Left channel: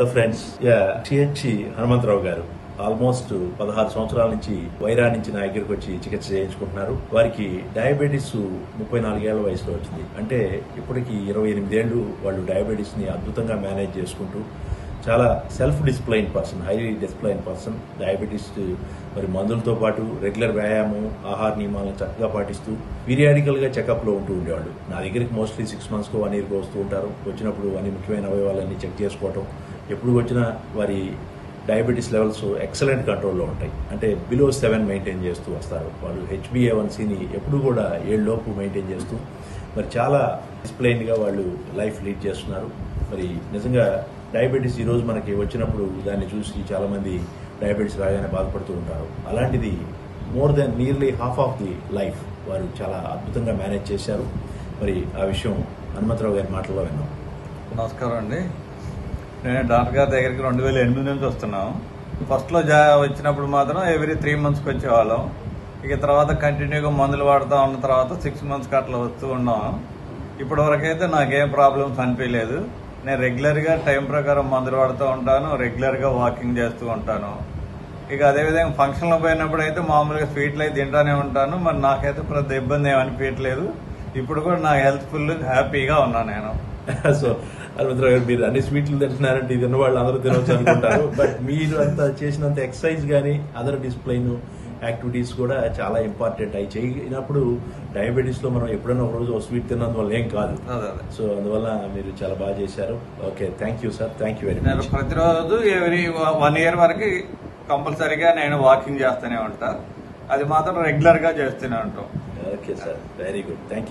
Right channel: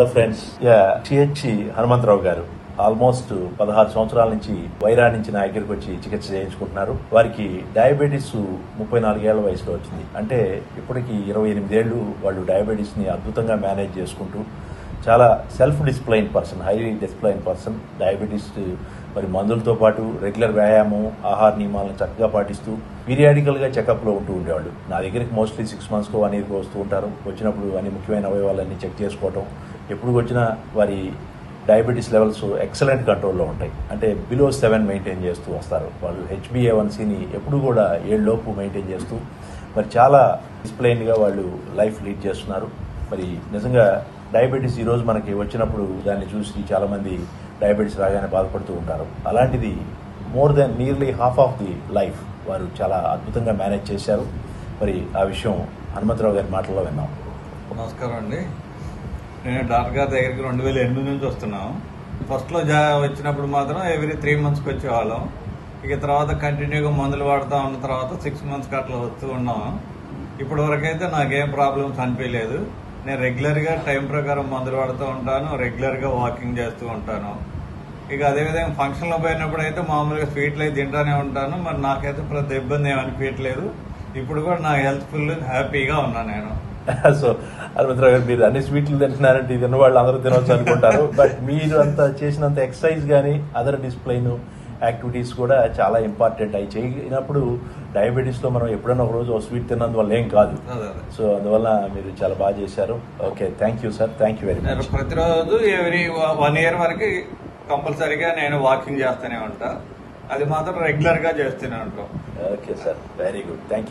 Hello friends. CHC Hanumantharao గారు almost 16 సంవత్సరాల నుంచి వైరా నుంచి నా దగ్గరికి వచ్చి చికిత్స చేయించుకుంటున్నారు. వారికి డయాబెటీస్ 34 ఏళ్ల వయసులో వచ్చింది. అంటే ఇప్పటికి 28 ఏళ్లు వాళ్ళు డయాబెటీస్ ని అద్భుతంగా మేనేజ్ చేసుకుంటూ చాలా self discipline person, highly discipline person. Diabetes మరి మందులతో పాటు రెగ్యులర్ వ్యాయామం, ఆహార నియమాలను చక్కగా పాటిస్తూ పీరియాడికల్ గా చెకప్ లో ఉంటూ ఉండేవాళ్ళు. నా దగ్గరికి మోస్ట్లీ 6 months కో 1 year కో వస్తూ ఉంటారు. వచ్చినప్పుడు అన్ని ముఖ్యమైన అవయవాలన్నీ చెక్ చేసుకోవటం, ఎప్పుడు వచ్చినా వారి డయాబెటీస్ లెవెల్స్ ఎక్సలెంట్ కంట్రోల్లో ఉంటాయి. అంటే బిలో 7 మెయింటైన్ చేస్తూ వస్తారు. వాళ్ళు HbA1cని ఎప్పుడు కూడా 7 లోపు మెయింటైన్ చేస్తూ మరి చాలా డిసిప్లైన్ గా వాళ్ళు లైఫ్ లీడ్ చేస్తున్నారు. మరి నిజంగా డయాబెటీస్ ఈ రోజు మనకి వచ్చినప్పుడు దాన్ని చూసి చాలా మంది డయాబెటీస్ రాగానే బాధపడుతూ ఉంటారు. అలాంటిది more than nearly half of the life వారు చాలా అద్భుతంగా మేనేజ్ చేశారు. మరి ఆ విషయం హనుమంతరావు గారి మాటల్లో విన్నాం. నమస్కారం అండి. నేను డాక్టర్ గారి దగ్గరికి 2008 నుంచి వస్తున్నాం. ఫస్ట్ లో వచ్చినప్పుడు మాత్రం ఎవ్రీ 3 months వచ్చేవాళ్ళం. ఇక తర్వాత కంటిన్యూగా మందులు వాడుతూ ఉన్న తర్వాత 6 months అట్లా వస్తూ ఉన్నాం. ఇప్పటి వరకైతే నాకేం ప్రాబ్లమ్స్ అనిపించలేదు. నేను రెగ్యులర్ గా టైం ప్రకారం మందులు వాడుతూ ఉంటాను, రెగ్యులర్ గా వాకింగ్ చేస్తూ ఉంటాను. ఇక అదేవిధంగా ఫంక్షన్ లో పోయినప్పుడు అయితే మామూలుగా స్వీట్లు అయితే తింటానే ఉంటాను. మరి నాకైతే ప్రతి ఇబ్బంది ఏమనిపించట్లేదు. ఇప్పుడు కూడా నా హెల్త్ ఫుల్ హ్యాపీగా ఉన్నా నేను. సో హనుమంతరావు గారు, మీరు అన్ని స్వీట్లు తింటున్నారంటే ఇది వాళ్ళు అందరూ తినవచ్చు అనుకుంటారు. బట్ మీరు అంత చేసినంత ఎక్సర్సైజ్ గానీ అదర్ డిసిప్లైన్ యాక్టివిటీస్ కూడా చాలా ఇంపార్టెంట్. అవి చేయనప్పుడు డయాబెటీస్ లో మనం ఎప్పుడైనా ఒక రోజు స్వీట్ తిన్నందువల్ల ఏం కాదు. సో అందువల్ల మీరు చాలా బాగా చేశారు. Okay, thank you sir, thank you very much. ప్రతిరోజు ఎవ్రీ 1 year వరకు కంపల్సరీగా నేను వాకింగ్ చేస్తూనే ఉంటా. అది మాత్రం రెగ్యులర్ గా చేస్తూనే ఉంటాం. Okay sir, very good, thank you.